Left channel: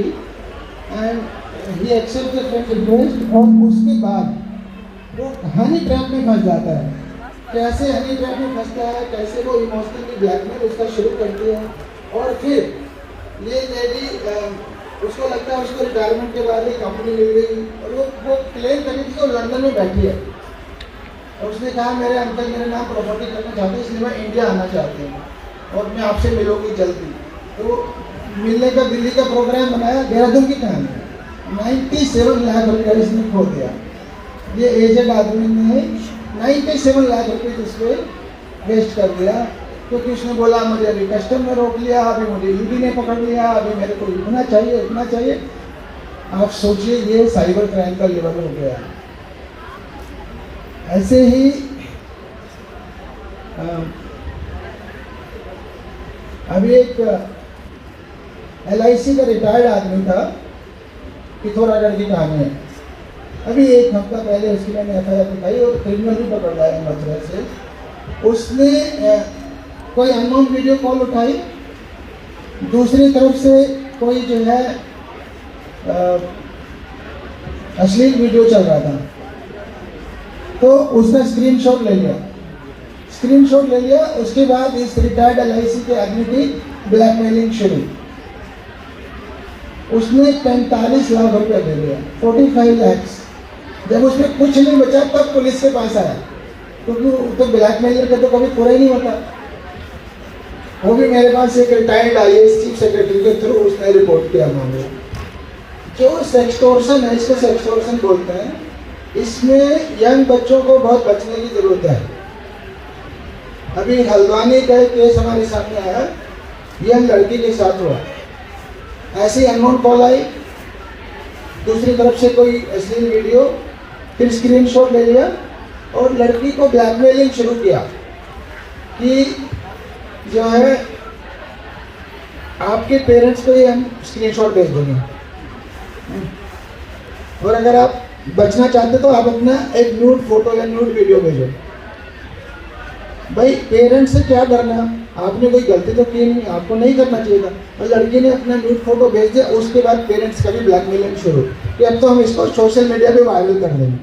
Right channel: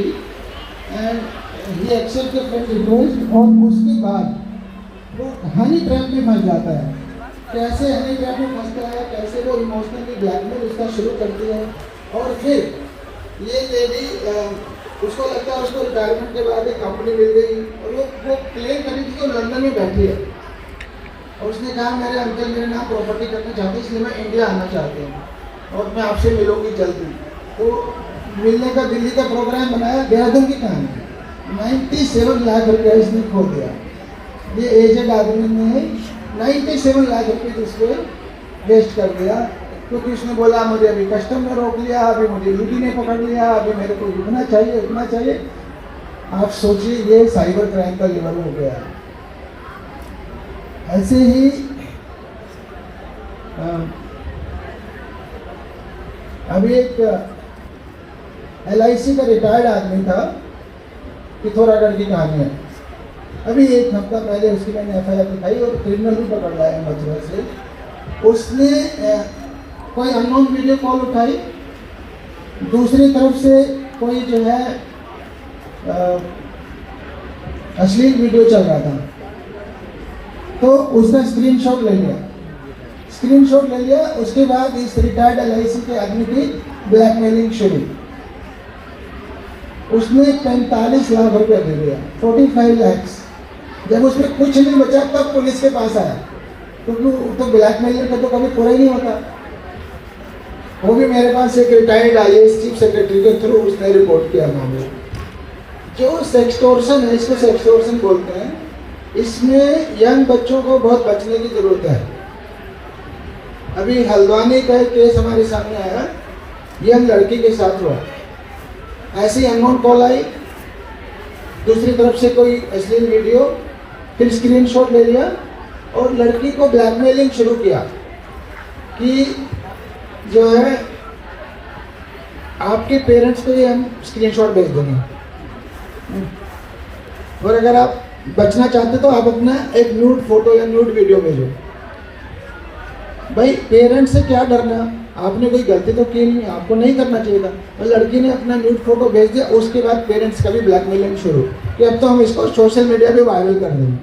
And he accept the friend request, और उसके बाद वो हनी ट्रैप में फंस जाता है। कैसे हनी ट्रैप में फंसता है, कैसे वो इमोशनली ब्लैकमेल उसका शुरू करती है, और फिर ये लेडी उसको लगता है उसको रिटायरमेंट के बाद एक कंपनी मिल गई, और वो क्लेम करी थी, वो लंदन में बैठी है और उसने कहा मेरे अंकल मेरे नाम प्रॉपर्टी करना चाहते हैं, इसलिए मैं इंडिया आना चाहती हूँ और मैं आपसे मिलूंगी जल्दी। तो मिलने का दिल्ली का प्रोग्राम बनाया। देहरादून की कहानी, 97 लाख रुपया इसने खो दिया। ये एजेड आदमी ने 97 लाख रुपये इस पर वेस्ट कर दिया, क्योंकि उसने बोला मुझे अभी कस्टम ने रोक लिया, अभी मुझे ईडी ने पकड़ लिया, अभी मेरे को इतना चाहिए इतना चाहिए। आप सोचिए ये साइबर क्राइम का लेवल हो गया। ऐसे ही अभी एक LIC का रिटायर्ड आदमी था, पिथौरागढ़ की कहानी है। अभी एक हफ्ता पहले उसकी मैंने FIR दिखाई और क्रिमिनल भी पकड़ लाया मथुरा से। उसने कोई अननोन वीडियो कॉल उठाई, दूसरी तरफ से कोई जो है अश्लील वीडियो चल रहा था, तो उसका स्क्रीनशॉट ले लिया। उसके बाद इस रिटायर्ड LIC के आदमी की ब्लैकमेलिंग शुरू। उसने 45 लाख रुपया दे दिया, 45 लाख। जब उसमें कुछ नहीं बचा तब पुलिस के पास आया, क्योंकि तो ब्लैकमेलर का तो कभी पूरा ही नहीं होता। वो भी मेरे पास एक रिटायर्ड IAS चीफ सेक्रेटरी के थ्रू उसने रिपोर्ट किया मुझे। जो सेक्सटोर्शन है, इसको सेक्सटोर्शन बोलते हैं। इसमें यंग बच्चों को बहुत बचने की जरूरत है। अभी हल्द्वानी का केस हमारे सामने आया, यंग लड़की के साथ हुआ। ऐसी अननोन कॉल आई, दूसरी तरफ से कोई अश्लील वीडियो, फिर स्क्रीनशॉट ले लिया और लड़की को ब्लैकमेलिंग शुरू किया कि जो है आपके पेरेंट्स को ये हम स्क्रीनशॉट भेज देंगे, और अगर आप बचना चाहते तो आप अपना एक न्यूड फोटो या न्यूड वीडियो भेजो। भाई पेरेंट्स से क्या डरना, आपने कोई गलती तो की नहीं, आपको नहीं करना चाहिए था। और लड़की ने अपना न्यूड फोटो भेज दिया, उसके बाद पेरेंट्स का भी ब्लैकमेलिंग शुरू कि अब तो हम इसको सोशल मीडिया पे वायरल कर देंगे।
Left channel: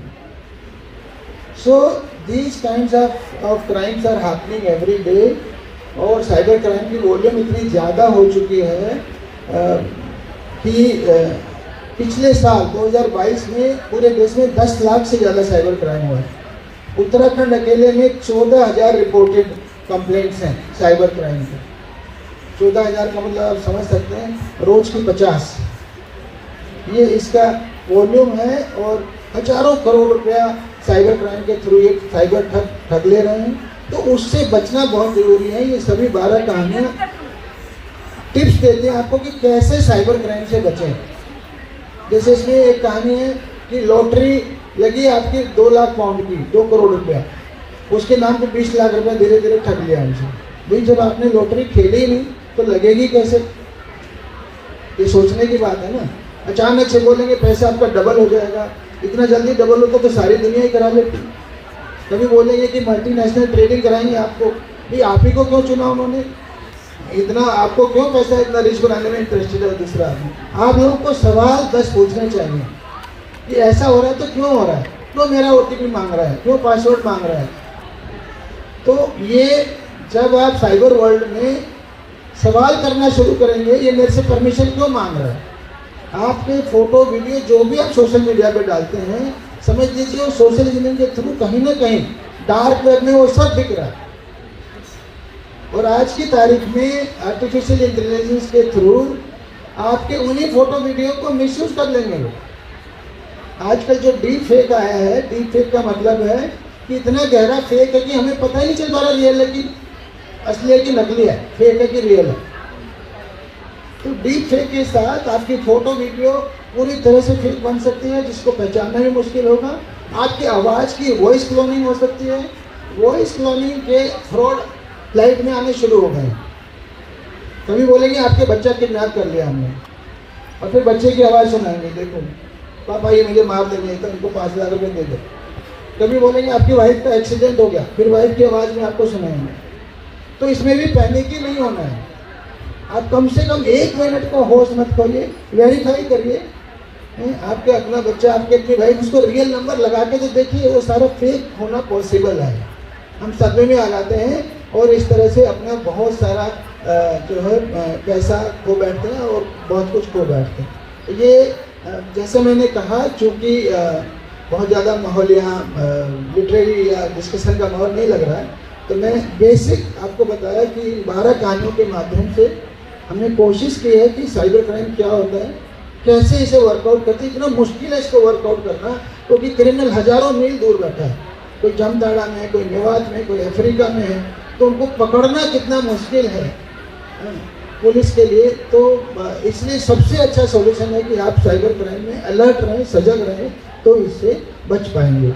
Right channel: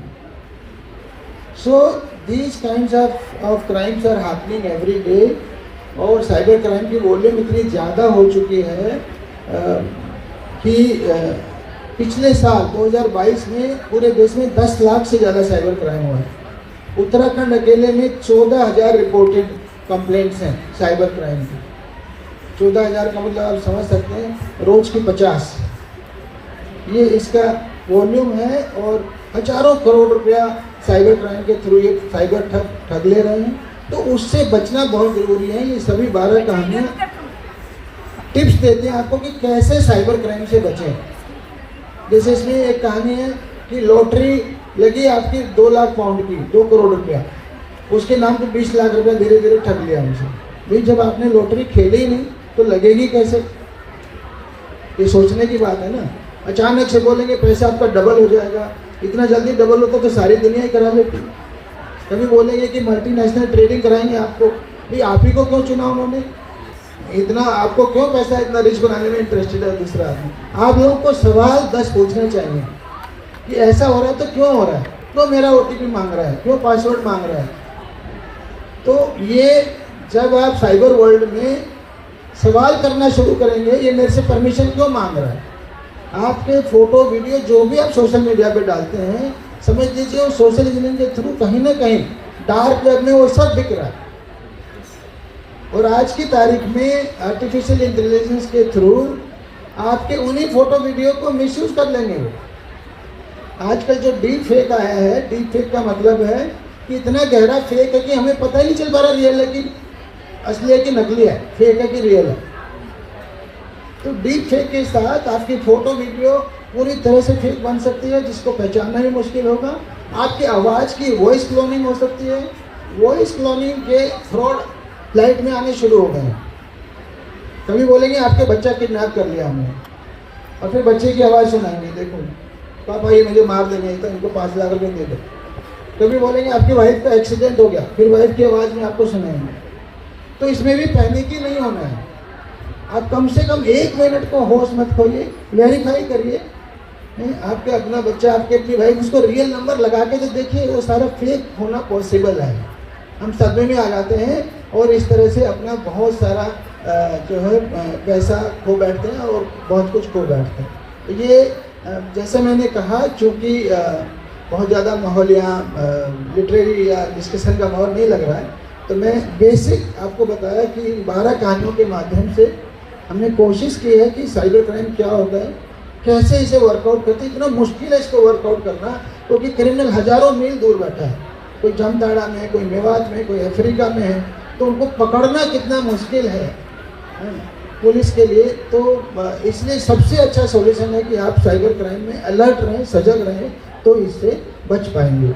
So these kinds of crimes are happening every day, और साइबर क्राइम की वॉल्यूम इतनी ज़्यादा हो चुकी है कि पिछले साल 2022 में पूरे देश में 10 लाख से ज़्यादा साइबर क्राइम हुआ। उत्तराखंड अकेले में 14,000 रिपोर्टेड कंप्लेंट्स हैं साइबर क्राइम की। 14,000 का मतलब आप समझ सकते हैं रोज की 50, ये इसका वॉल्यूम है। और हजारों करोड़ रुपया साइबर क्राइम के थ्रू ये साइबर ठग ले रहे हैं। तो उससे बचना बहुत जरूरी है। ये सभी 12 कहानियाँ टिप्स देते हैं आपको कि कैसे साइबर क्राइम से बचें। जैसे इसमें एक कहानी है कि लॉटरी लगी आपकी 2 लाख पाउंड की, 2 करोड़ रुपया, उसके नाम पे 20 लाख रुपया धीरे धीरे ठग लिया हमसे। भाई जब आपने लॉटरी खेली ही नहीं तो लगेगी कैसे, ये सोचने की बात है ना। अचानक से बोलेंगे पैसा आपका डबल हो जाएगा, इतना जल्दी डबल होता तो सारी दुनिया ही करा लेती। कभी बोलेंगे कि मल्टीनेशनल ट्रेडिंग कराएंगे आपको, भाई आप ही को क्यों चुना उन्होंने, इतना आपको क्यों पैसा इतना रिस्क बनाने में इंटरेस्टेड है दूसरा आदमी। आप लोगों को सवाल 10 पूछने चाहिए कि ऐसा हो रहा है तो क्यों हो रहा है, क्यों मेरा OTP मांग रहा है, क्यों पासवर्ड मांग रहा है। तो ये जब आप साइबर वर्ल्ड में सवाल करना शुरू करेंगे, ये मेरे से परमिशन क्यों मांग रहा है, आपके फोटो वीडियो जो भी आप सोशल मीडिया पे डालते हैं, समझ लीजिए वो सोशल इंजीनियरिंग के थ्रू कहीं ना कहीं डार्क वेब में वो सब बिक रहा है। और आज की तारीख में आर्टिफिशियल इंटेलिजेंस के थ्रू आपके उन्हीं फोटो वीडियो को मिसयूज कर लेंगे वो। आजकल जो डीप फेक आया है, डीप फेक का मतलब है कि इतना गहरा फेक है कि हमें पता ही नहीं चल पा रहा रियल है कि असली है कि नकली है, फेक है कि रियल है। तो डीप फेक के साथ आपकी फोटो वीडियो पूरी तरह से फेक बन सकती है, जिसको पहचानना ही मुश्किल होगा। आपकी आवाज़ की वॉइस क्लोनिंग हो सकती है। वॉइस क्लोनिंग के फ्रॉड फ्लाइट में आने शुरू हो गए। कभी बोलेंगे आपके बच्चा किडनैप कर लिया हमने, और फिर बच्चे की आवाज़ सुनाएंगे, देखो पापा ये मुझे मार देंगे तो इनको 5 लाख रुपये दे दो। कभी बोलेंगे आपकी वाइफ का एक्सीडेंट हो गया, फिर वाइफ की आवाज़ में आपको सुनाएंगे। तो इसमें भी पैनिक ही नहीं होना है। आप कम से कम 1 मिनट को होश मत खोइए, वेरीफाई करिए। आपके अपना बच्चा, आपके अपने भाई, उसको रियल नंबर लगा के तो देखिए, वो सारा फेक होना पॉसिबल है। हम सदमे में आ जाते हैं और इस तरह से अपना बहुत सारा जो है पैसा खो बैठते हैं और बहुत कुछ खो बैठते हैं। ये जैसे मैंने कहा, चूँकि बहुत ज़्यादा माहौल यहाँ लिटरेरी या डिस्कशन का माहौल नहीं लग रहा है, तो मैं बेसिक आपको बताया कि 12 कहानियों के माध्यम से हमने कोशिश की है कि साइबर क्राइम क्या होता है, कैसे इसे वर्कआउट करते हैं। इतना मुश्किल है इसको वर्कआउट करना, क्योंकि क्रिमिनल हजारों मील दूर बैठा है। कोई जामताड़ा में, कोई मेवात में, कोई अफ्रीका में है, तो उनको पकड़ना कितना मुश्किल है पुलिस के लिए। तो इसलिए सबसे अच्छा सॉल्यूशन है कि आप साइबर क्राइम में अलर्ट रहें, सजग रहें, तो इससे बच पाएंगे।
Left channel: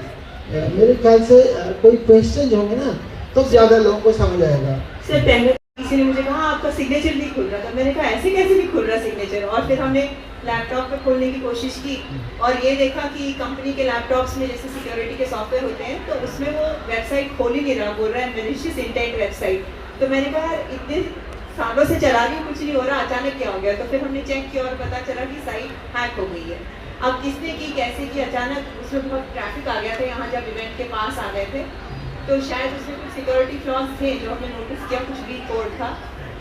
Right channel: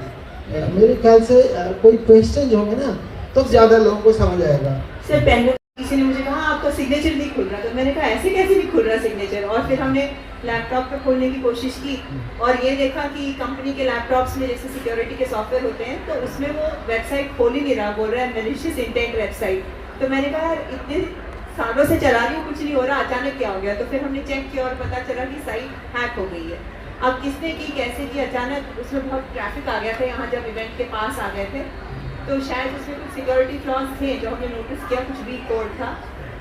मेरे ख्याल से कोई क्वेश्चन होंगे ना, तो ज़्यादा लोगों को समझ आएगा। सर पहले किसी ने मुझे कहा आपका सिग्नेचर नहीं खुल रहा था, मैंने कहा ऐसे कैसे नहीं खुल रहा सिग्नेचर, और फिर हमने लैपटॉप पे खोलने की कोशिश की और ये देखा कि कंपनी के लैपटॉप्स में जैसे सिक्योरिटी के सॉफ्टवेयर होते हैं, तो उसमें वो वेबसाइट खोल ही नहीं रहा, बोल रहा है मैलिशियस इंटेंट वेबसाइट। तो मैंने कहा यार इतने सालों से चला रही हूँ, कुछ नहीं हो रहा, अचानक क्या हो गया। तो फिर हमने चेक किया और पता चला कि साइट हैक हो गई है। अब किसने की, कैसे की, अचानक उसमें बहुत ट्रैफिक आ गया था यहाँ जब इवेंट के पास आ गए थे, तो शायद उसमें कुछ सिक्योरिटी फ्लॉज थे जो हमने नोटिस किया, कुछ वीक कोड था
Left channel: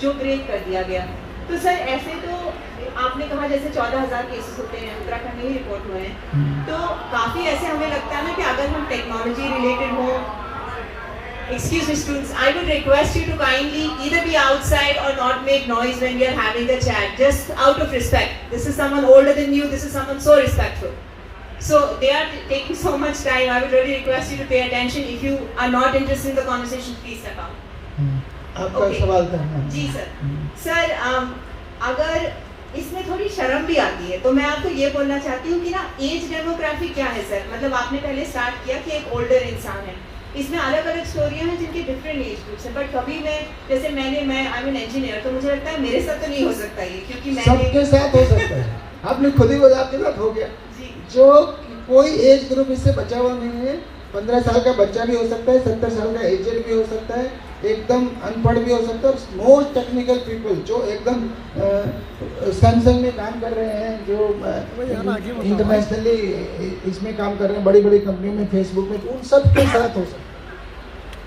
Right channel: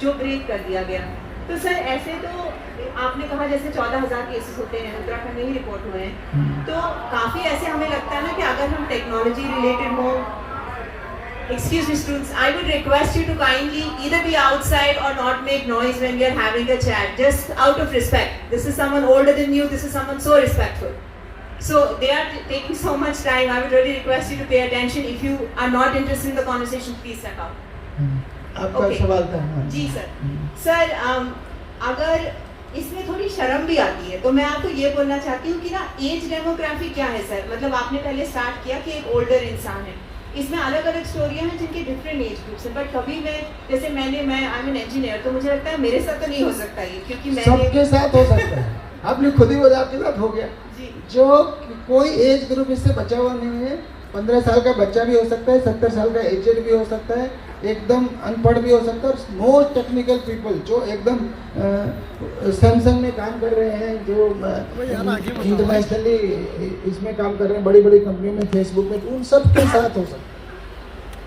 जो ब्रेक कर दिया गया। तो सर ऐसे तो आपने कहा जैसे 14,000 केसेस होते हैं उत्तराखंड में ही रिपोर्ट हुए हैं, तो काफ़ी ऐसे हमें लगता है ना कि अगर हम टेक्नोलॉजी रिलेटेड हो, excuse me students, I would request you to kindly either be outside or not make noise when we are having a chat, just out of respect. This is someone older than you, this is someone so respectful. So they are taking so much time. I would really request you to pay attention. If you are not interested in the conversation, please step out. आपका सवाल करना जी sir. Sir अगर इसमें थोड़ी शर्म भी आती है, तो मैं आपको ये बोलना चाहती हूँ कि ना एज डेमोग्राफी क्या है सर। मतलब आपने पहले स्टार्ट किया कि एक ओल्डर इंसान है, इसमें अलग अलग स्टोरियाँ हैं जिनकी डिफरेंट एज ग्रुप्स हैं, बट कभी मैं जैसे मैं आई एम एन इंजीनियर, तो मुझे लगता है मेरे साथ तो नहीं हो सकता ये, क्योंकि सबके साथ हो सकता है। आपने खुद ही बोला आपके साथ हो गया जी। जो कोई एज ग्रुप इससे बचा हुआ नहीं है। 15 साल का बच्चा भी हो सकता है, 70 साल का एजेड भी हो सकता है, एकदम अनपढ़ भी हो सकता है, मोस्ट टेक्निकल पीपल जो एकदम सैमसंग में काम कर रहे हैं, जो इंटरनेशनली इसमें काम कर रहे हैं, बड़ी बड़ी कंपनियों में, फेसबुक में, उन सब के साथ हो सकता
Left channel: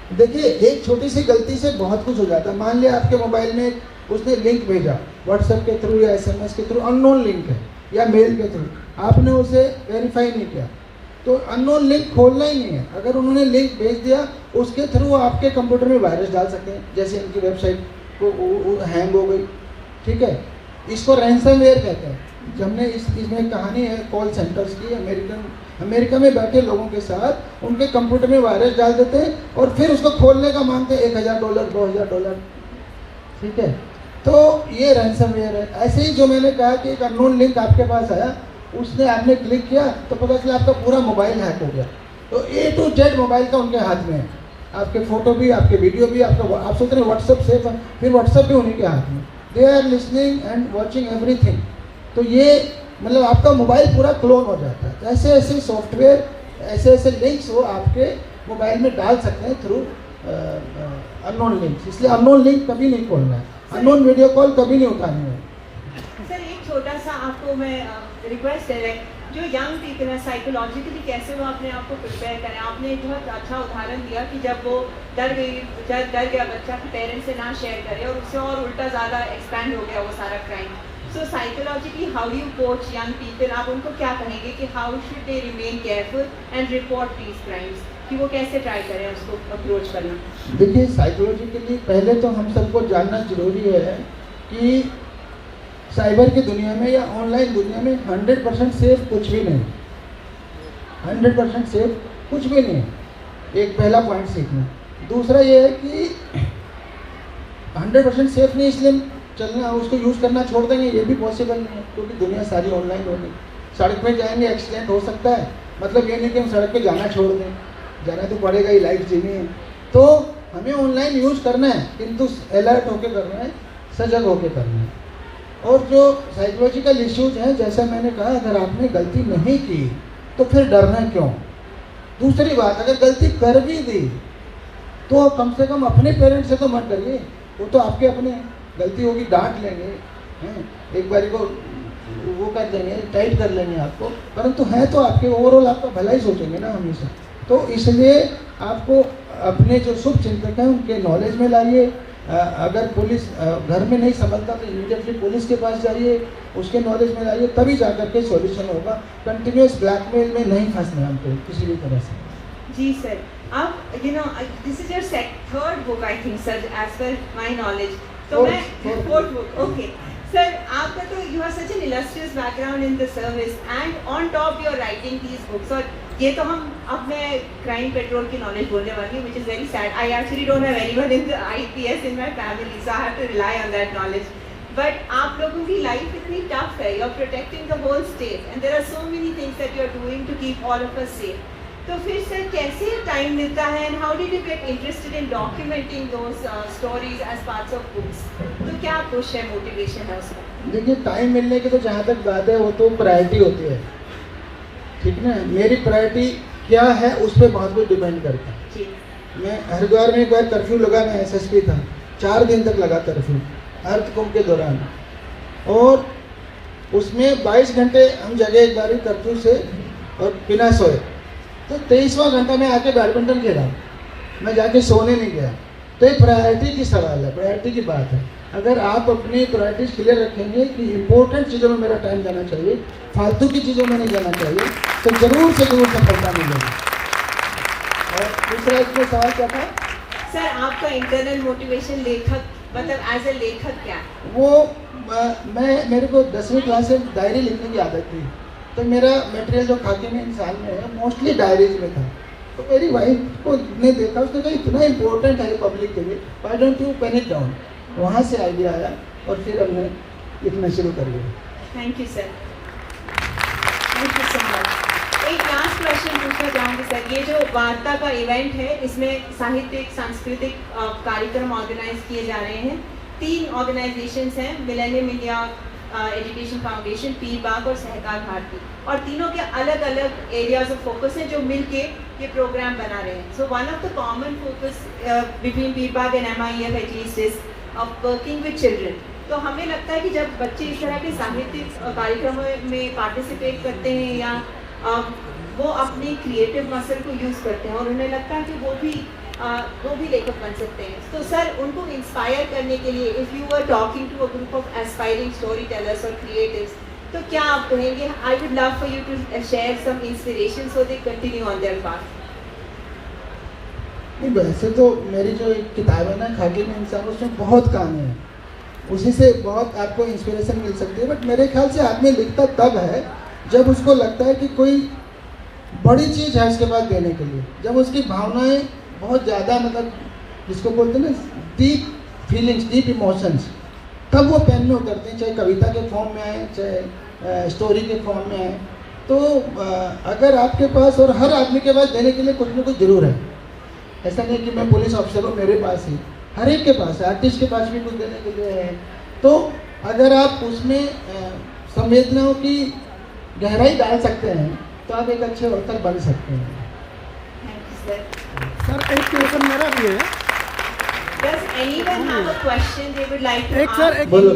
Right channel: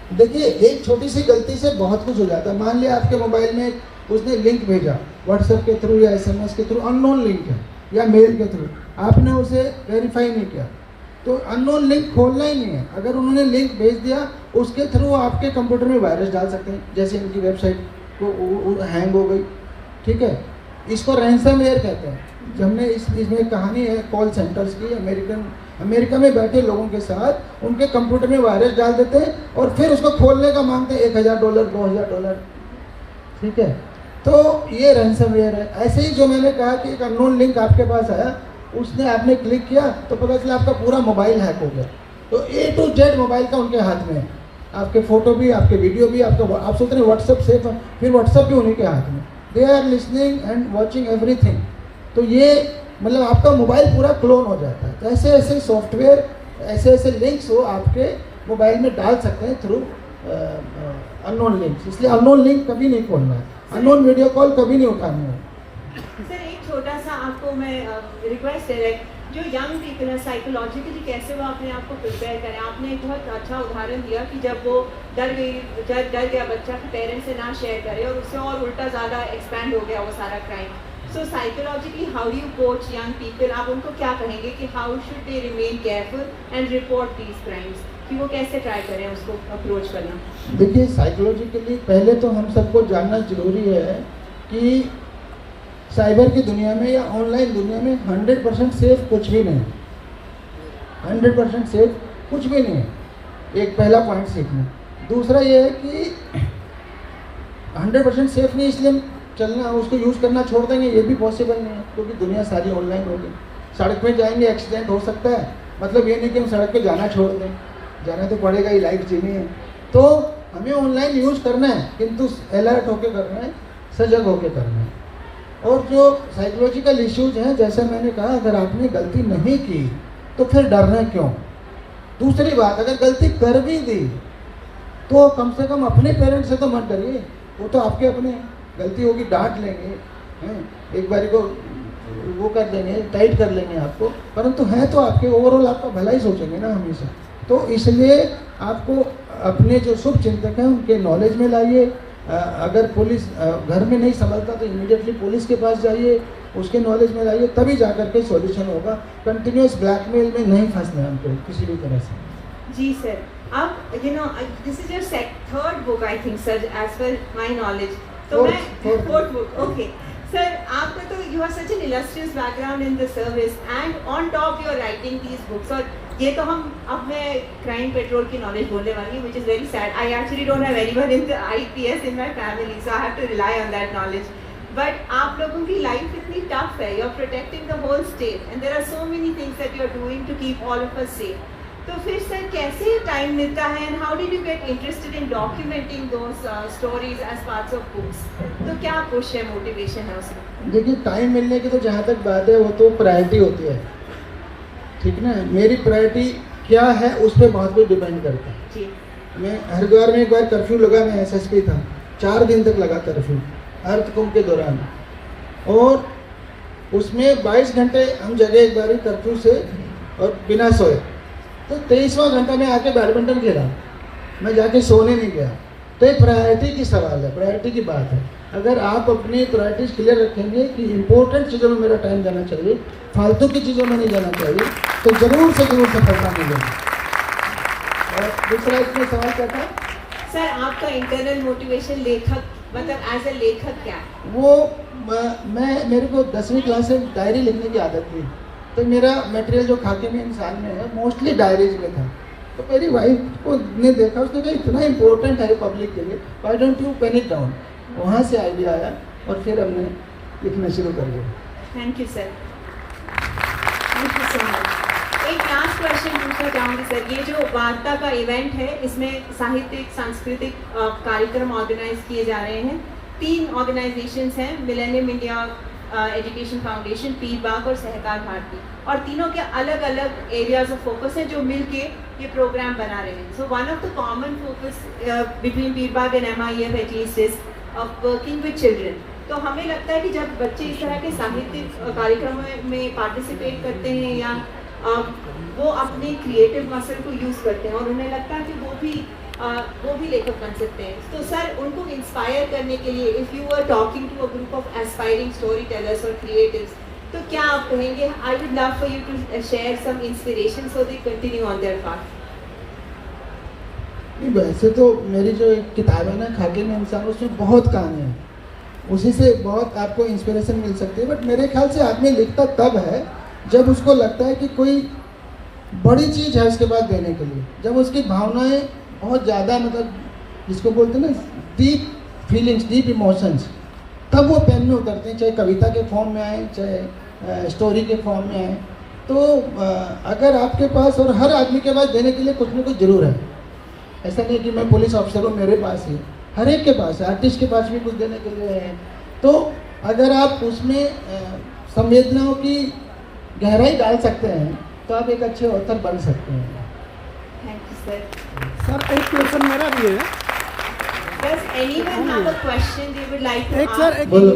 है। देखिए एक छोटी सी गलती से बहुत कुछ हो जाता है। मान लिया आपके मोबाइल में उसने लिंक भेजा व्हाट्सएप के थ्रू या SMS के थ्रू, अननोन लिंक है, या मेल के थ्रू, आपने उसे वेरीफाई नहीं किया, तो अननोन लिंक खोलना ही नहीं है। अगर उन्होंने लिंक भेज दिया, उसके थ्रू आपके कंप्यूटर में वायरस डाल सकते हैं, जैसे इनकी वेबसाइट को हैंग हो गई, ठीक है। इसको रैंसमवेयर कहते हैं। हमने इसमें कहानी है कॉल सेंटर्स की, अमेरिका में बैठे लोगों के साथ उनके कंप्यूटर में वायरस डाल देते हैं और फिर उसको खोलने का मांगते हैं $1,000 $2,000, ठीक है। तो ये रैंसमवेयर है। ऐसे ही जो मैंने कहा कि एक अननोन लिंक आपके पास आया, उसने आपने क्लिक किया तो पता चला आपका पूरा मोबाइल हैक हो गया। तो A to Z मोबाइल का उनके हाथ में है, आपके फ़ोटो भी, आपके वीडियो भी, आपका, आप सोच रहे व्हाट्सएप सेफ है, फिर व्हाट्सएप भी उन्हीं के हाथ में। They are listening and watching everything. तो ये मतलब आपका मोबाइल पूरा क्लोन हो जाता है। तो ऐसे ऐसे सॉफ्टवेयर, ऐसे ऐसे लिंक्स वो आपके मोबाइल में डाल सकते हैं थ्रू अननोन लिंक्स। इसलिए अननोन लिंक कभी नहीं खोलना है, अननोन वीडियो कॉल कभी नहीं उठाना है। सर एक छोटा सा आपको मैं रिक्वेस्ट है, जो यंग पीपल है साइकोलॉजिकली कैसे वो अपने आप को प्रिपेयर करें। आपने एक बहुत अच्छा उदाहरण दिया कि जब वो डर गया बच्चा पेरेंट्स से ना शेयर करे और उससे और उल्टा ज़्यादा एक्सपैंड हो गया वो सारा crime. So psychologically how you coach young people, आप उनको क्या कहेंगे कि how should they remain careful and report these crimes, कि वो कैसे ट्राई करें उसको अप्रोच करना। देखिए साइकोलॉजिकली पहले तो हम सबको जानना जरूरी है कि साइबर की दुनिया में या ऑनलाइन दुनिया में 100% सेफ कुछ भी नहीं, 100% सेफ कुछ भी नहीं है। एक पहला पॉइंट सीखना। दूसरा ये है कि 100% सेफ नहीं इसलिए चलना, उसको यूज़ करना छोड़ देंगे ये भी पॉसिबल नहीं है, क्योंकि दुनिया सारी ऑनलाइन होगी। सड़क पे जाएंगे एक्सीडेंट हो सकता है, मतलब ये नहीं कि हम सड़क पे जाना छोड़ दें, जाना तो पड़ेगा ही, लाइफ जीनी है। तो हमें ऑनलाइन यूज़ करना है, किंतु अलर्ट होकर करना है, सजग होकर करना है। और जो साइकोलॉजिकल इश्यूज हैं, जैसा मैंने कहा, अगर आपने गलती नहीं की तो फिर डरना क्यों। दूसरी बात, अगर गलती कर भी दी तो कम से कम अपने पेरेंट्स से तो मत डरिए, वो तो आपके अपने हैं। गलती होगी डांट लेंगे, हैं, एक बार को वो कर देंगे, टाइट कर लेंगे आपको, परंतु है तो आपके ओवरऑल आपका भला ही सोचेंगे ना हमेशा। तो इसलिए आपको अपने जो शुभ चिंतक हैं उनके नॉलेज में लाइए। अगर पुलिस घर में नहीं संभलता तो इमीडिएटली पुलिस के पास जाइए, उसके नॉलेज में लाइए, तभी जाकर के सॉल्यूशन होगा। कंटिन्यूस ब्लैकमेल में नहीं फंसना हमको किसी भी तरह से। जी सर, आप this is your third book I think sir, as per my knowledge. तो मैं फोर्थ बुक, ओके सर, आपका तो you have such an illustrious background in the service and on top you are writing these books. और ये तो अब मैं crime petrol की नॉलेज बोलने वाली हूँ, which is very sad. I actually don't have anyone in the IPS in my family, so I have to rely on that knowledge. But आप लोगों की लाइफ इतनी टफ है, you are protecting the whole state and there are so many things that you are doing to keep all of us safe. तो फिर sir कैसे time मिलता है and how did you get interested in documenting those stories as parts of books? तो क्या push है, motivation है उसमें? देखिए, टाइम मिलने की तो जहाँ तक बात है वो तो प्रायोरिटी होती है, ठीक ना। मेरी प्रायोरिटी क्या है उस पर बहुत कुछ डिपेंड करता है जी। मैं हरिद्वार में एक बार कर्फ्यू लगा, मैं SSP था, 4 दिन तक लगा कर्फ्यू अर्थ कुंभ के दौरान, और उसमें 22 घंटे हम जगह एक बार कर्फ्यू से और बिना सोए। तो 23वां घंटा में आके बैडमिंटन खेला, मैं जाके सोने नहीं गया। तो ये प्रायोरिटी की सवाल है, प्रायोरिटी की बात है। अगर आप अपनी प्रायोरिटीज क्लियर रखेंगे कि इंपॉर्टेंट चीज़ों में मेरा टाइम जाना चाहिए, फालतू की चीज़ों में नहीं जाना चाहिए, तो जरूर से जरूर सफलता मिलेगी। और दूसरा इसमें सवाल क्या था सर? आपका इंटरनल मोटिवेशन लेखक, मतलब एज ए लेखक क्या है? वो मेरे को 10वीं क्लास से डायरी लिखने की आदत थी, तो मेरा मटेरियल जो खाते में इंसान में है मोस्टली डायरीज में था। तो मेरी वाइफ को ने देखा, उसने कहा इतना इंपॉर्टेंट है पब्लिक के लिए, why don't you pen it down. वहाँ से आइडिया आया और फिर हमने लिखना शुरू कर दिया। Thank you sir, thank you so much. एक लास्ट क्वेश्चन पूछना चाहूँगी सर, ये जो वार्ता का इवेंट है, इसमें साहित्यिक सांस्कृतिक कार्यक्रम ऑर्गेनाइज किए जा रहे हैं। 3 ऑर्गेनाइजेशंस हैं, मिलेनियम इंडिया एजुकेशन फाउंडेशन, पीर बाग और सहकार भारती, और तीनों के अलग अलग एरियाज ऑफ फोकस हैं जो मिलके ये प्रोग्राम बना रहे हैं। So one of the common focus between Pir Bagh and MIF at least is of working with children. तो हमें लगता है कि जब बच्चे इस तरह के साहित्यिक कार्यक्रमों में पार्टिसिपेट करते हैं या वो अपनी क्रिएटिव मसल को यूज़ करते हैं और उन्हें लगता है कि वो भी लेखक बन सकते हैं, तो सर उनको इंस्पायर करने के लिए, if you are talking to a group of aspiring story tellers और क्रिएटिव्स, तो क्या आप कहेंगे? I would love for you to share some inspiration so they continue on their path. वैसे तो मेरी जो एक किताब है ना, खाके में इंसान, उसमें बहुत कहानी है, उसी से बहुत आपको इंस्पिरेशन मिल सकती है। बट मेरे ख्याल से आदमी लिखता तब है जब उसको लगता है कि कोई बड़ी चीज़ है उसके बाद देने के लिए, जब उसकी भावनाएं बहुत ज़्यादा, मतलब जिसको बोलते हैं ना डीप फीलिंग्स, डीप इमोशंस, तब वो पेन में उतरते हैं, चाहे कविता के फॉर्म में आए, चाहे स्टोरी के फॉर्म में आए। तो अगर आपके पास, और हर आदमी के पास देने के लिए कुछ ना कुछ जरूर है, ऐसा नहीं कि मैं पुलिस ऑफिसर हूँ मेरे पास ही, हर एक के पास, आर्टिस्ट के पास भी कुछ देने के लिए है। तो अगर आप उसमें संवेदनाओं की गहराई डाल सकते हैं तो आप एक अच्छे ऑथर बन सकते हैं। Thank you sir. सर एक क्वेश्चन मेरा भी है। Does anyone have a question they would like to एक ask? सर एक बोलो।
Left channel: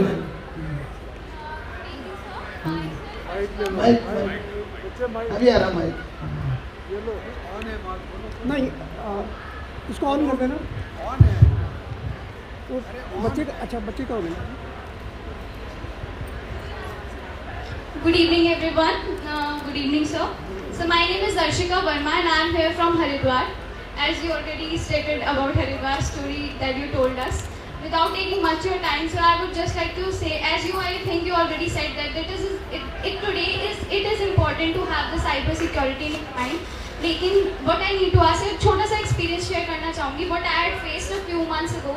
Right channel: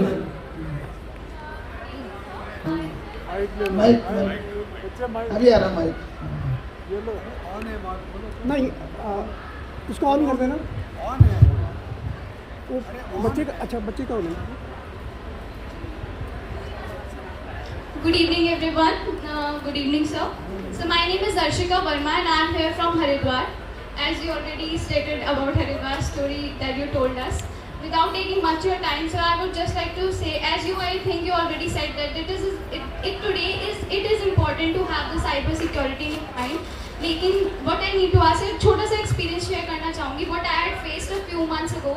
माइक अभी आ रहा माइक। नहीं इसको ऑन कर देना। वो बच्चे का, अच्छा बच्चे का होना। Good evening everyone. Good evening sir. So my name is Darshika Verma and I am here from Haridwar. As you already stated about Haridwar story that you told us. Without taking much your time, so I would just like to say, as you, I think you already said that it is important to have the cyber security in mind. लेकिन what I need to ask है, छोटा सा experience share करना चाहूँगी. What I had faced a few months ago.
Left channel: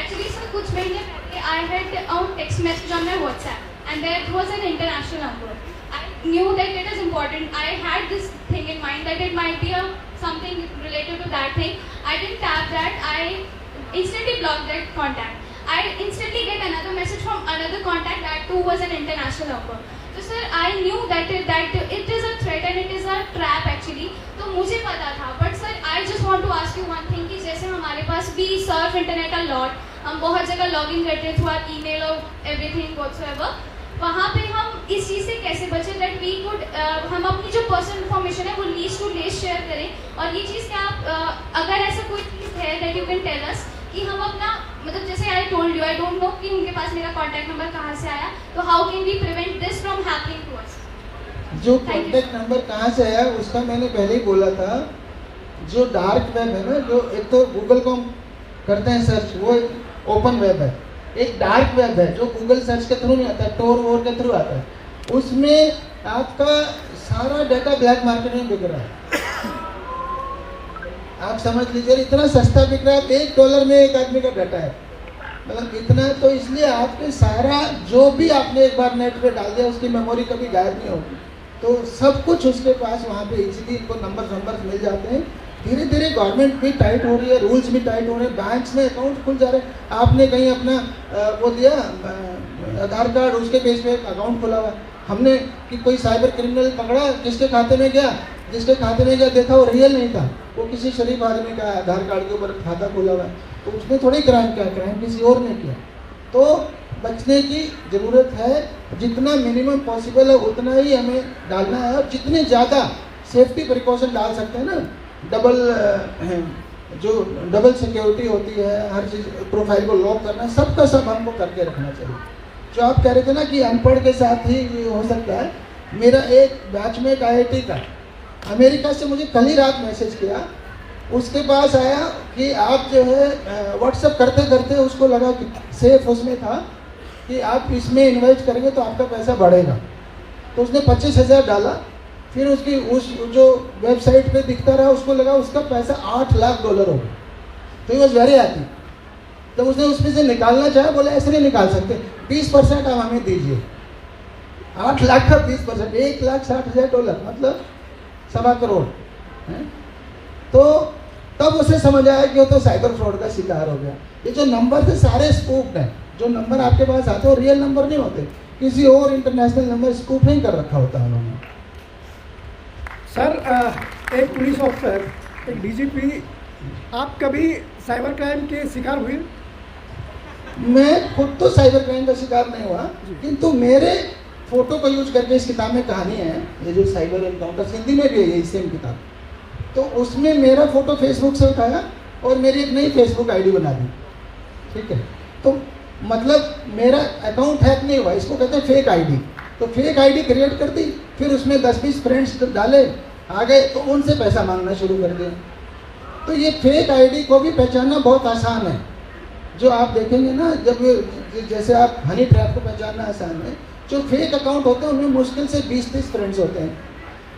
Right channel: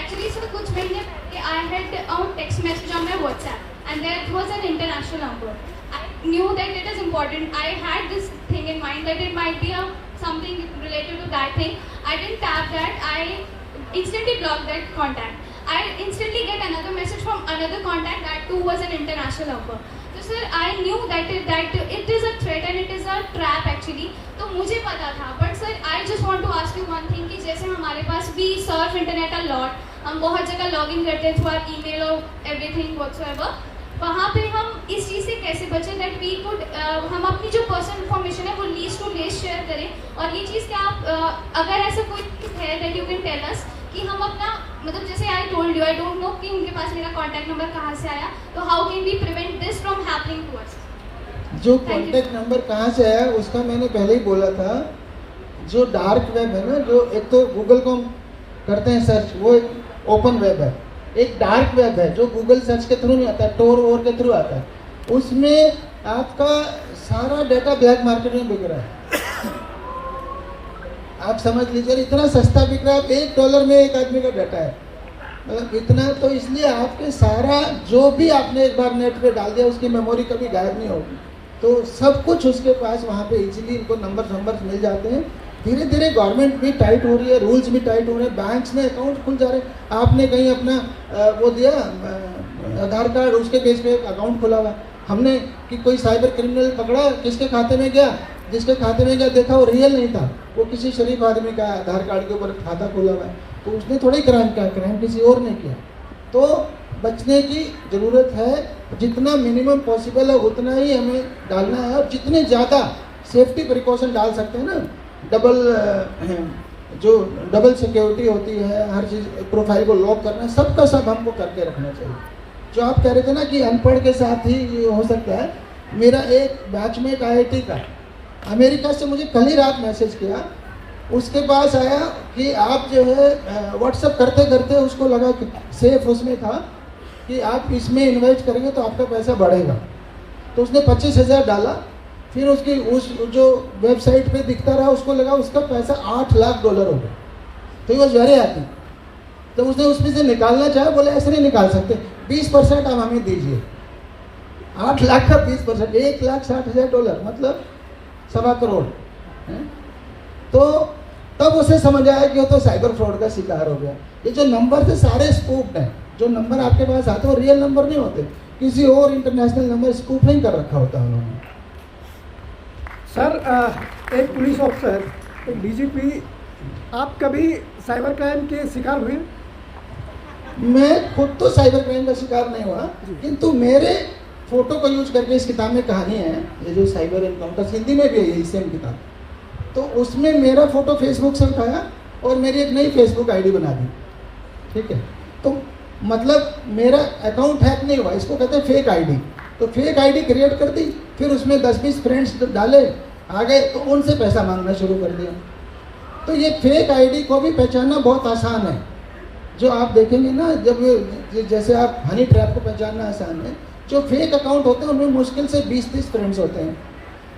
Actually sir, कुछ महीने पहले I had a text message on my WhatsApp and that was an international number. I knew that it is important. I had this thing in mind that it might be something related to that thing. I didn't tap that. I instantly blocked that contact. I instantly get another message from another contact that too was an international number. So sir, I knew that it is a threat and it is a trap actually. तो मुझे पता था. But sir, I just want to ask you one thing कि जैसे हमारे पास भी surf internet a lot, हम बहुत जगह लॉगिन करते हैं थ्रू आवर ईमेल और एवरीथिंग व्हाटसोएवर। वहाँ पे हम इस चीज़ से कैसे बचें दैट वी कुड हम अपनी जो पर्सनल इन्फॉर्मेशन है वो लीस्ट टू लीस्ट शेयर करें। और ये चीज़ क्या आप अगर ऐसा कोई है that you can tell us कि हम अपना मतलब जैसे I told you I don't know कि उनके पास मेरा कॉन्टैक्ट नंबर कहाँ से आया, तो how can we prevent this from happening to us? जो कॉन्टैक्ट नंबर कहाँ से आया उसका मैंने पहले ही बोला था। जो डार्क वेब है ना, जो एक तो गूगल को हम करते हैं सर्च, वो एक ओपन वेब है, एक डार्क वेब है जो गूगल सर्च के थ्रू नहीं आता है, टोर वोर के थ्रू आता है। उसमें आपका सारा डाटा ब्लैक मार्केट में बिक रहा है। आप समझ लीजिए इतना सस्ता बिक रहा है, $1 में एक आदमी का डाटा है, मतलब इतना। तो इसलिए आपके सारा जो भी आपने एक बार नेट पे डाल दिया उसकी मेमोरी कभी गायब नहीं होगी। तो सब कुछ उसके पास वहाँ पे इजीली इनको नंबर मिल जाते हैं। धीरे धीरे गवर्नमेंट भी टाइट हो रही है, रूल्स भी टाइट हो रहे हैं, बैंक्स में अकाउंट खुल जा रहे हैं। आपने कहीं अपना वो दिया आधार कार्ड, उसके बेस पे अकाउंट खुला हुआ। हमने कि कोई साइबर क्रिमिनल पकड़ा, किसके खाते में गया, जिसके खाते में गया देखा वो रियल नहीं था, वो किसी शरीफ आदमी का आधार कार्ड के ऊपर खाता खुला हुआ है, तो उसने थोड़ी क्राइम किया, क्राइम किसी और ने किया। तो बचने की ज़रूरत है, जितना मिनिमम पॉसिबल है उतना ही हमें डालना है। और जितने ज़्यादा सेफ्टी प्रिकॉशन डाल सकते हैं ना, डबल सिक्योरिटी होती है, हर चीज़ प्रोफाइल को लॉक करना, सबका सब हमको करके रखना चाहिए। जो आप कह रहे थे ना कि अनपढ़ के साथ ही ये हो सकता है, मेरा एक बैचमेट IIT का अमेरिका से मुझे कल ही रात मैसेज किया, उसके पास आया कि आप जो है व्हाट्सएप करते करते उसको लगा कि सेफ उसमें था कि आप इसमें इन्वेस्ट करेंगे तो आपका पैसा बढ़ेगा, तो उसने 25,000 डाला। फिर उसकी उस जो वेबसाइट पे दिखता रहा उसको लगा उसका पैसा $8 लाख हो गया। तो ये वेरी हैप्पी। जब उसने उसमें से निकालना चाहा, बोले ऐसे नहीं निकाल सकते, 20% आप हमें दीजिए। 8 लाख का 20%, $1,60,000, मतलब $1.25 करोड़ है। तो तब उसे समझ आया कि वो तो साइबर फ्रॉड का शिकार हो गया। ये जो नंबर थे सारे स्पूफ्ड हैं, जो नंबर आपके पास आते हो रियल नंबर नहीं होते, किसी और इंटरनेशनल नंबर स्पूफिंग कर रखा होता है उन्होंने। सर एक पुलिस ऑफिसर, एक DGP, आप कभी साइबर क्राइम के शिकार हुए? मैं खुद तो साइबर क्राइम का शिकार नहीं हुआ, किंतु मेरे फोटो का यूज करके इस किताब में कहानी है, ये जो साइबर एनकाउंटर, हिंदी में भी है सेम किताब। तो उसमें मेरा फोटो फेसबुक से उठाया और मेरी एक नई फेसबुक ID बना दी, ठीक है। तो मतलब मेरा अकाउंट हैक नहीं हुआ, इसको कहते हैं फेक ID। तो फेक ID क्रिएट कर दी, फिर उसमें 10-20 फ्रेंड्स डाले, आ गए तो उनसे पैसा मांगना शुरू कर दिया। तो ये फेक ID को भी पहचानना बहुत आसान है। जो आप देखेंगे ना, जब जैसे आप हनी ट्रैप को पहचानना आसान है, जो फेक अकाउंट होते हैं उनमें मुश्किल से 20-30 फ्रेंड्स होते हैं।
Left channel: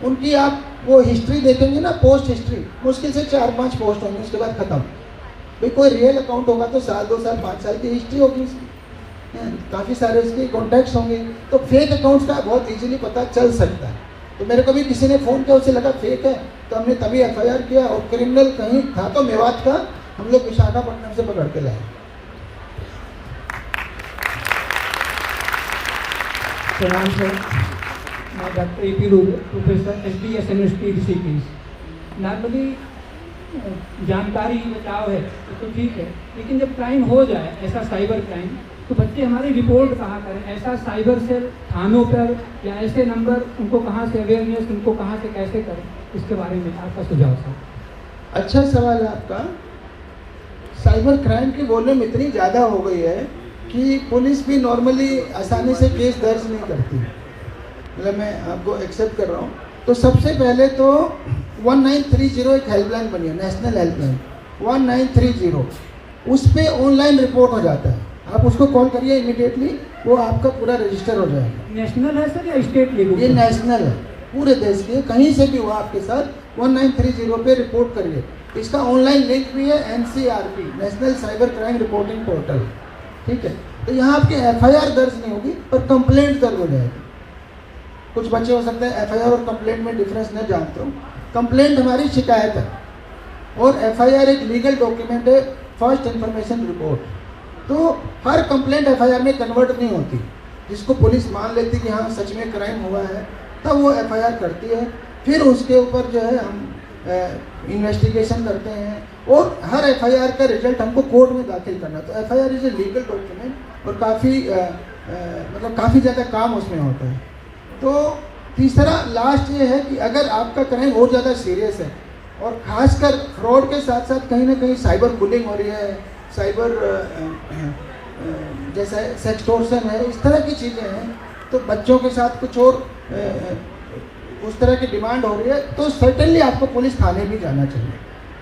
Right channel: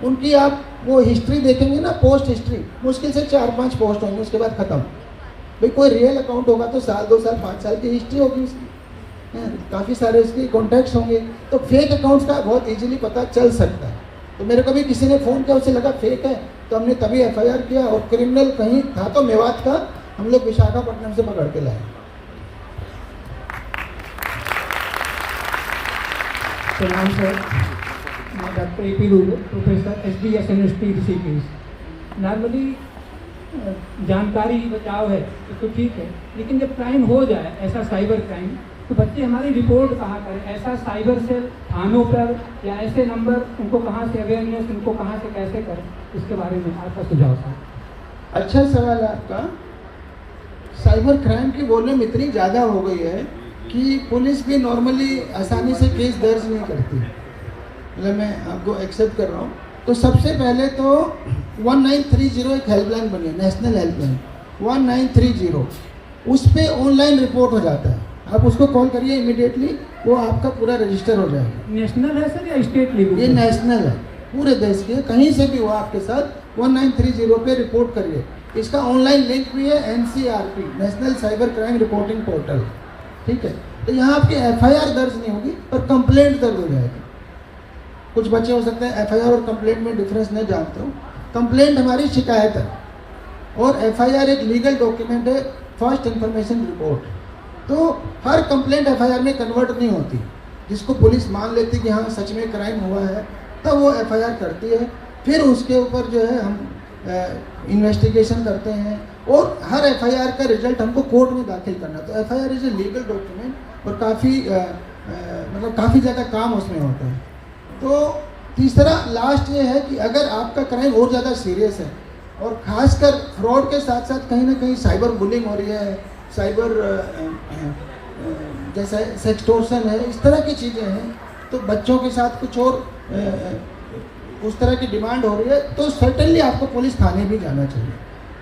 उनकी आप वो हिस्ट्री देखेंगे ना, पोस्ट हिस्ट्री, मुश्किल से 4-5 पोस्ट होंगे, उसके बाद खत्म। भाई कोई रियल अकाउंट होगा तो 1 साल 2 साल 5 साल की हिस्ट्री होगी उसकी, काफ़ी सारे इसके कॉन्टैक्ट्स होंगे। तो फेक अकाउंट्स का बहुत इजीली पता चल सकता है। तो मेरे को भी किसी ने फ़ोन किया, उसे लगा फेक है, तो हमने तभी FIR किया। और क्रिमिनल कहीं था तो मेवात का, हम लोग विशाखापट्टनम से पकड़ के लाए। Doctor AP Lulu, professor SDS university Rishikesh. Normally जानकारी बचाव है तो ठीक है, लेकिन जब क्राइम हो जाए ऐसा साइबर क्राइम, तो बच्चे हमारी रिपोर्ट कहाँ करें? ऐसा साइबर सेल थानों पर या ऐसे नंबर, उनको कहाँ से अवेयरनेस, उनको कहाँ से कैसे करें, इसके बारे में आपका सुझाव सर। अच्छा सवाल है आपका। साइबर क्राइम की वॉल्यूम इतनी ज़्यादा हो गई है कि पुलिस भी नॉर्मली आसानी से केस दर्ज नहीं करती, मतलब मैं आपको एक्सेप्ट कर रहा हूँ। तो सबसे पहले तो 1930 एक हेल्पलाइन बनी है, नेशनल हेल्पलाइन 1930, उस पर ऑनलाइन रिपोर्ट हो जाता है। आप उसको कॉल करिए इमीडिएटली, वो आपका पूरा रजिस्टर हो जाएगा। नेशनल है सर या स्टेट लेवल? ये नेशनल है, पूरे देश के, कहीं से भी हो आपके साथ 1930 पे रिपोर्ट करिए। इसका ऑनलाइन लिंक भी है NCRP, national cyber crime reporting portal, ठीक है। तो यहाँ आपकी FIR दर्ज नहीं होगी पर कंप्लेंट दर्ज हो जाएगी। कुछ बच्चे हो सकते हैं FIR और कंप्लेंट में डिफरेंस नहीं जानते हो। कंप्लेंट हमारी शिकायत है और FIR एक लीगल डॉक्यूमेंट है, फर्स्ट इंफॉर्मेशन रिपोर्ट। तो हर कंप्लेंट FIR में कन्वर्ट नहीं होती। जिसको पुलिस मान लेती कि हाँ सच में क्राइम हुआ है, तब वो FIR करती है। फिर उसके ऊपर जो है हम इन्वेस्टिगेशन करते हैं और हर एफआईआर का रिजल्ट हमको कोर्ट में दाखिल करना। तो FIR is a legal document और काफ़ी ज़्यादा काम उसमें होता है। तो तीसरा लास्ट ये है कि अगर आपका क्राइम और ज़्यादा सीरियस है और ख़ासकर फ्रॉड के साथ साथ कहीं ना कहीं साइबर बुलिंग हो रही है, साइबर जैसा सेक्सटोर्शन है, इस तरह की चीज़ें हैं, तो बच्चों के साथ कुछ और उस तरह की डिमांड हो रही है, तो सर्टेनली आपको पुलिस थाने भी जाना चाहिए।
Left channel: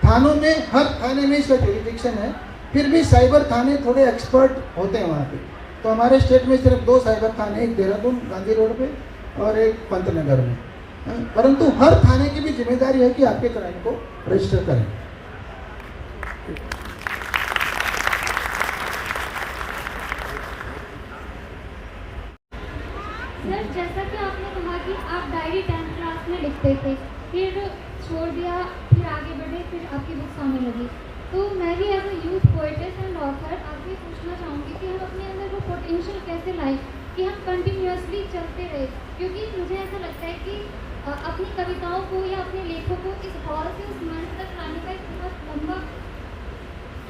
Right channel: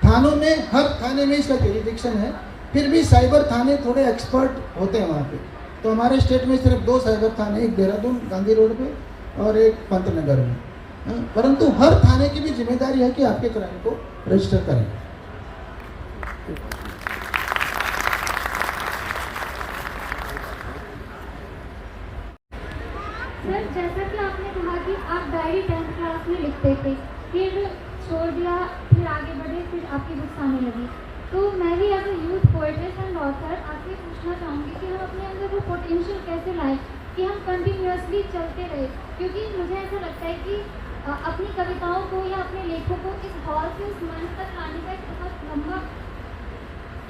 थानों में हर थाने में इसका जुरिडिक्शन है, फिर भी साइबर थाने थोड़े एक्सपर्ट होते हैं वहाँ पे। तो हमारे स्टेट में सिर्फ 2 साइबर थाने, एक देहरादून गांधी रोड पे और एक पंतनगर में, परंतु हर थाने की भी जिम्मेदारी है कि आपके क्राइम को रजिस्टर करें। सर, जैसा कि आपने कहा कि आप डायरी 10th क्लास में लिखते थे, फिर छोड़ दिया, फिर आगे बढ़े, फिर आपकी बुक्स आने लगी। तो मैं भी as a youth poets and author आपसे पूछना चाहूँगी कि हम अपने अंदर वो पोटेंशियल कैसे लाएं कि हम कंटिन्यूअसली चलते रहे, क्योंकि मुझे ऐसा लगता है कि अपनी कविताओं को या अपने लेखों को इस हॉल से उस मंच तक लाने का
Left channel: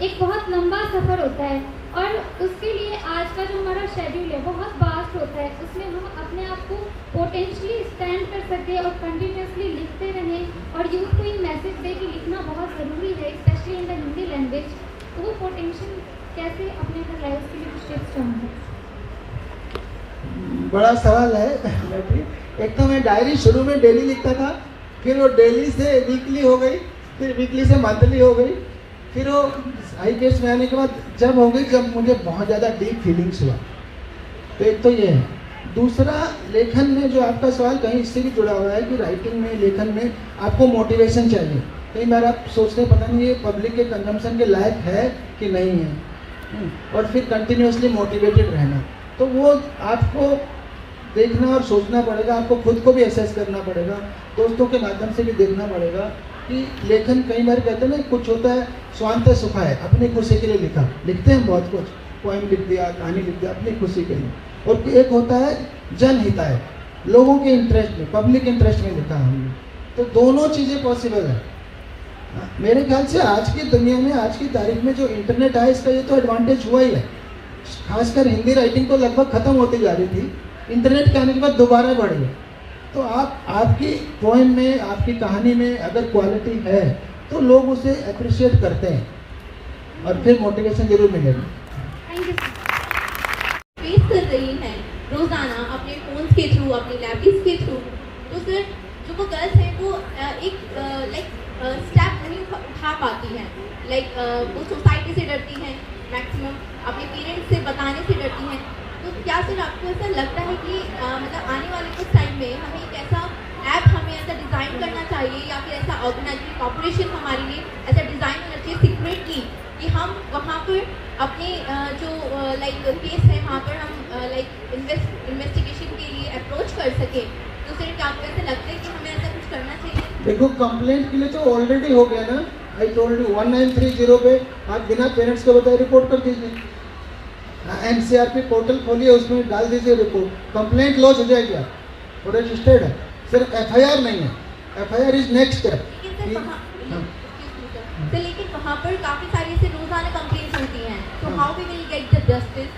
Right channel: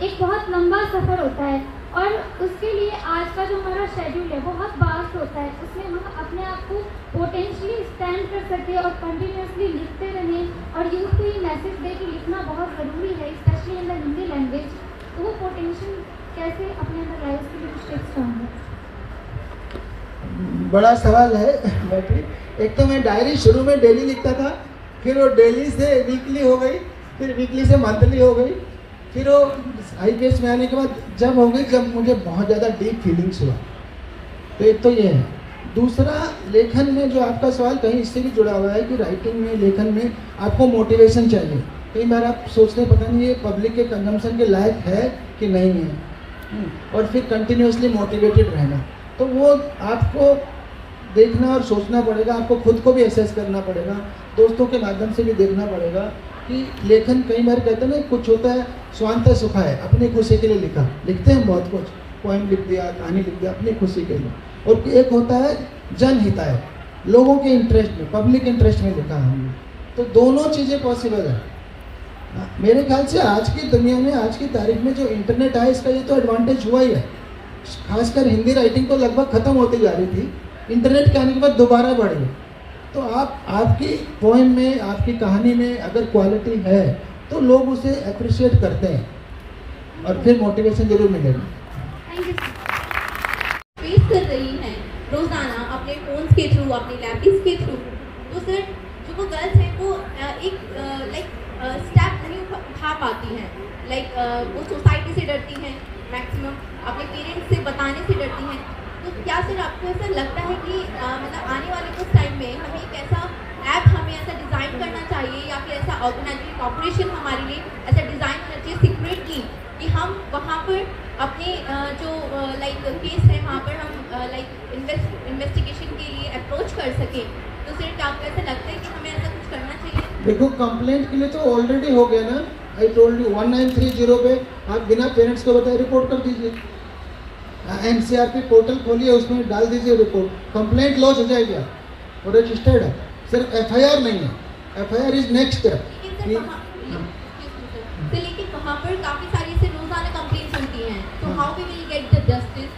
एक बहुत लंबा सफ़र होता है, और उसके लिए आज का जो हमारा शेड्यूल है बहुत वास्ट होता है। उसमें हम अपने आप को पोटेंशियली स्टैंड कर सकें और कंटिन्यूअसली लिखते रहें और यूथ को ये मैसेज दे कि लिखना बहुत ज़रूरी है, specially in the Hindi language. तो वो पोटेंशियल कैसे अपने अंदर लाए, उसके लिए कुछ टिप्स चाहूँगी। बड़ा सवाल है बेटी। एक तो मैं डायरी शुरू में डेली लिखता था, फिर वो डेली से वीकली हो गई, फिर वीकली से मंथली हो गई, फिर वो हाई केस में आने के बाद जब हो गई जब मुझे बहुत ज़्यादा डीप फीलिंग्स हुआ। तो एक तो ये है। दूसरा, लेखन में जो आपका सवाल कहीं इससे भी जुड़ा हुआ है कि राइटिंग में, लेखन में आपको मोटिवेशन चाहिए। कई बार आप सोचते पता नहीं ये पब्लिक के कंजम्पशन के लायक है कि नहीं है, और फिर कंटिन्यूसली मोटिवेटेड रहना। तो वो आपको देखना और सोचना पड़ेगा, आपको खुद को भी असेस करना पड़ेगा, दोस्तों के माध्यम से भी देखना पड़ेगा कि लेखन कई बार कहते हैं ना, कुछ होता है स्वांत सुखा है, अपनी खुशी के लिए लिखते हैं बहुत कुछ, पोएम लिख दिया, कहानी लिख दिया अपनी खुशी के लिए, और एक होता है जनहिताय, लोगों के इंटरेस्ट में, पब्लिक इंटरेस्ट में लिखा हमने। तो दोनों चीज़ें पॉसिबल है। मेरे ख्याल से आज की दुनिया में, आज की तारीख में जो इंटरनेट है, इसका ये तो एडवांटेज हुआ ही है। खासकर हिंदी राइटिंग तो लगभग खत्म होती जा रही थी, इंटरनेट के आने के बाद दोबारा बढ़ गई। तो आपकी पोएम में, आपकी कहानी में अगर क्वालिटी है तो लोग उसे अप्रिशिएट करते हैं और फिर मोटिवेशन जरूर मिलेगी। फेस कर रही हैं रोजाना अपने फोन्स के थ्रू, अपनी लैपटॉप्स के थ्रू, तो सर जो वो गर्ल्स है वो एक स्टेप नहीं उठा पाती हैं। वो सोसाइटी से डरती हैं, मैक्सिमम अपने पेरेंट्स से बताने से डरती हैं। तो क्या सर आपको ऐसा लगता है कि मतलब आने वाले कुछ टाइम में हमें एक ऐसा ऐप हमें ऐसा डिज़ाइन करना चाहिए, या फिर ऐसा ऑर्गेनाइजेशन कॉर्पोरेशन हमारे लिए ऐसा डिज़ाइन करना चाहिए सीक्रेटली कि हम वहाँ पर अपने जो केस है वहाँ पर हम इन्वेस्टिगेशन के लिए अप्रोच कर सकें। तो सर क्या आपको ऐसा लगता है कि हमें ऐसा कुछ करना चाहिए? देखो, कंप्लेंट के लिए तो ऑलरेडी हो गया ना, आई टोल्ड यू 1930 पे आप बिना पेरेंट्स को बताए रिपोर्ट कर दीजिए। एनसीआरपी पोर्टल खोलिए, उसमें डाल दीजिए रिपोर्ट, कंप्लेंट लॉन्च हो जाएगा और रजिस्टर्ड है। सिर्फ एफआईआर नहीं है, एफआईआर इज नेक्स्ट स्टेप। लेकिन वहाँ पर काफ़ी सारी ऐसे रोजाना कंप्लेंट्स होती हैं, तो how we will get the justice?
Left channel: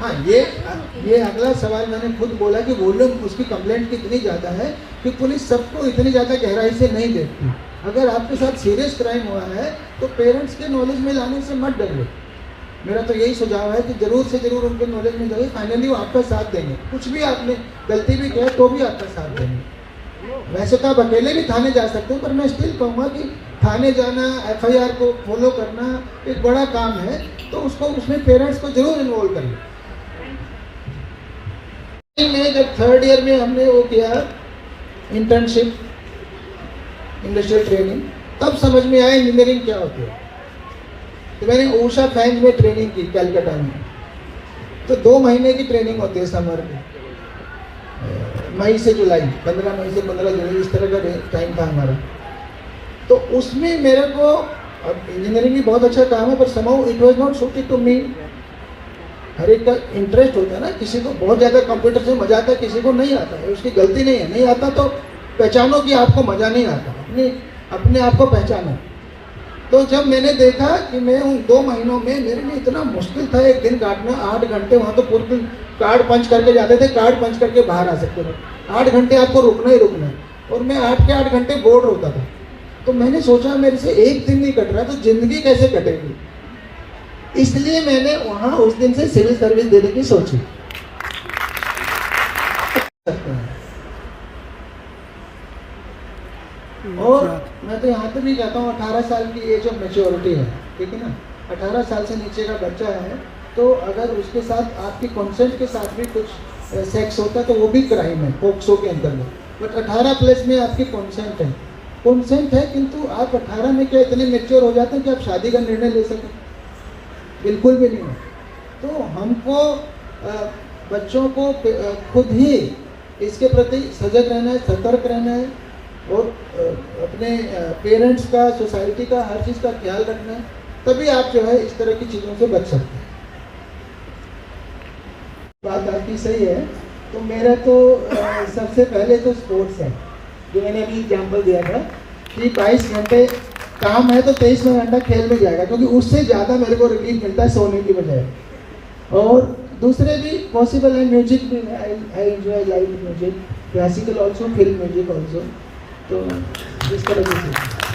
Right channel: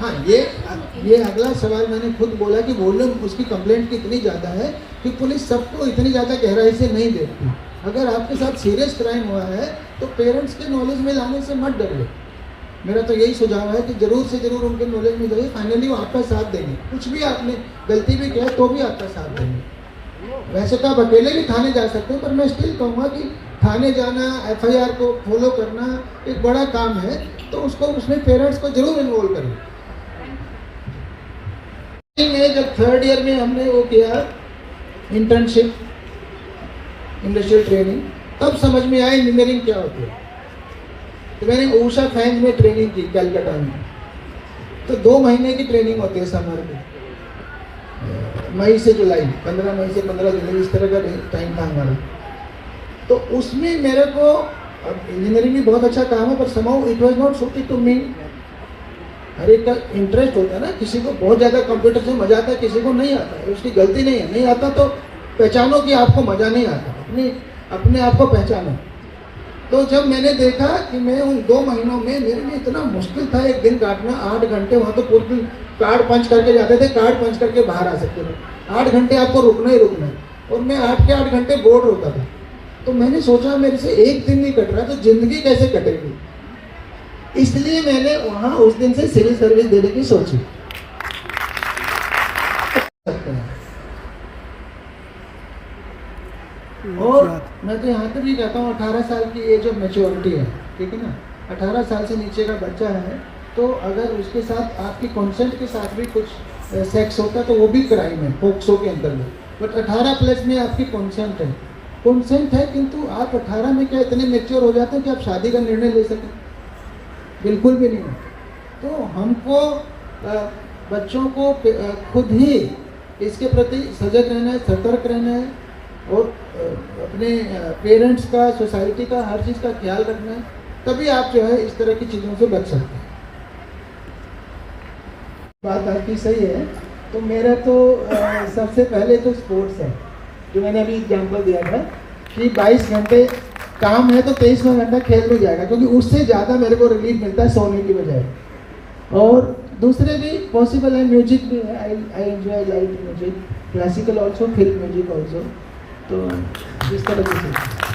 हाँ, ये अगला सवाल मैंने खुद बोला कि वॉल्यूम उसकी कंप्लेंट की इतनी ज़्यादा है कि पुलिस सबको इतनी ज़्यादा गहराई से नहीं देखती। अगर आपके साथ सीरियस क्राइम हुआ है तो पेरेंट्स के नॉलेज में लाने से मत डरिए। मेरा तो यही सुझाव है कि जरूर से जरूर उनके नॉलेज में जाइए, फाइनली वो आपका साथ देंगे। कुछ भी आपने गलती भी किया तो भी आपका साथ देंगे। वैसे तो आप अकेले भी थाने जा सकते हो, पर मैं स्टिल कहूँगा कि थाने जाना, एफआईआर को फॉलो करना एक बड़ा काम है, तो उसमें पेरेंट्स को जरूर इन्वॉल्व करें। जब 3rd ईयर में हमने वो किया इंटर्नशिप, इंडस्ट्रियल ट्रेनिंग, तब समझ में आया इंजीनियरिंग क्या होती है। तो मैंने ऊषा फैंस में ट्रेनिंग की कैलकाटा में। तो 2 महीने की ट्रेनिंग होती है समर में, मई से जुलाई, 15 मई से 15 जुलाई, इस तरह का टाइम था हमारा। तो उसमें मेरे को, इंजीनियरिंग भी बहुत अच्छा काम है, पर somehow it was not suited to me. हर एक का इंटरेस्ट होता है ना, किसी को बहुत ज़्यादा कंप्यूटर से मजा आता है, किसी को नहीं आता है, उसकी गलती नहीं है, नहीं आता तो पहचानो कि आपको मज़ा नहीं आता। अपनी अपने आप को पहचाना। तो जब मैंने देखा कि मैं 2 महीनों में, मेरे लिए इतना मुश्किल था एक दिन काटना, 8 घंटे वहाँ तो पूरे दिन कार्ड पंच करके जाते थे, कार्ड पंच करके बाहर आ सकते थे, 8 घंटे आपको रुकना ही रुकना, और मैं 8 के 8 घंटे बोर्ड होता था। तो मैंने सोचा मेरे से एक दिन नहीं कट रहा तो जिंदगी कैसे कटेगी, इसलिए मैंने वहाँ उस दिन से सिविल सर्विस देने की सोची। और मैं तो यहाँ तक नहीं जाता हूँ, 18 साल की एज ऑफ मेच्योरिटी है, ठीक है ना। 18 साल से नीचे का बच्चा है तो अगर उसके साथ आपकी कंसेंट के साथ भी कुछ सेक्स होता है तो वो भी क्राइम है पोक्सो के अंतर्गत। बट 18 प्लस में आपकी कंसेंट है, किंतु आप 18 में क्या इतने मेच्योर हो जाते हो कि आप शादी का निर्णय ले सकें? बिल्कुल भी नहीं। तो हमको बच्चों को खुद ही इसके प्रति सजग रहना है, सतर्क रहना है, और अपने पेरेंट्स का, सोसाइटी का, हर चीज़ का ख्याल रखना है, तभी आप जो है इस तरह की चीज़ों से बच सकते हैं। बात आपकी सही है। तो मेरे तो सबसे पहले तो स्पोर्ट्स है, जो मैंने अभी एग्जाम्पल दिया था कि 22 घंटे काम है तो 23वां घंटा खेल में जाएगा, क्योंकि उससे ज़्यादा मेरे को रिलीफ मिलता है सोने की बजाय। और दूसरे भी पॉसिबल है, म्यूजिक भी है, I enjoy live music, classical also, film music also. तो इस तरह से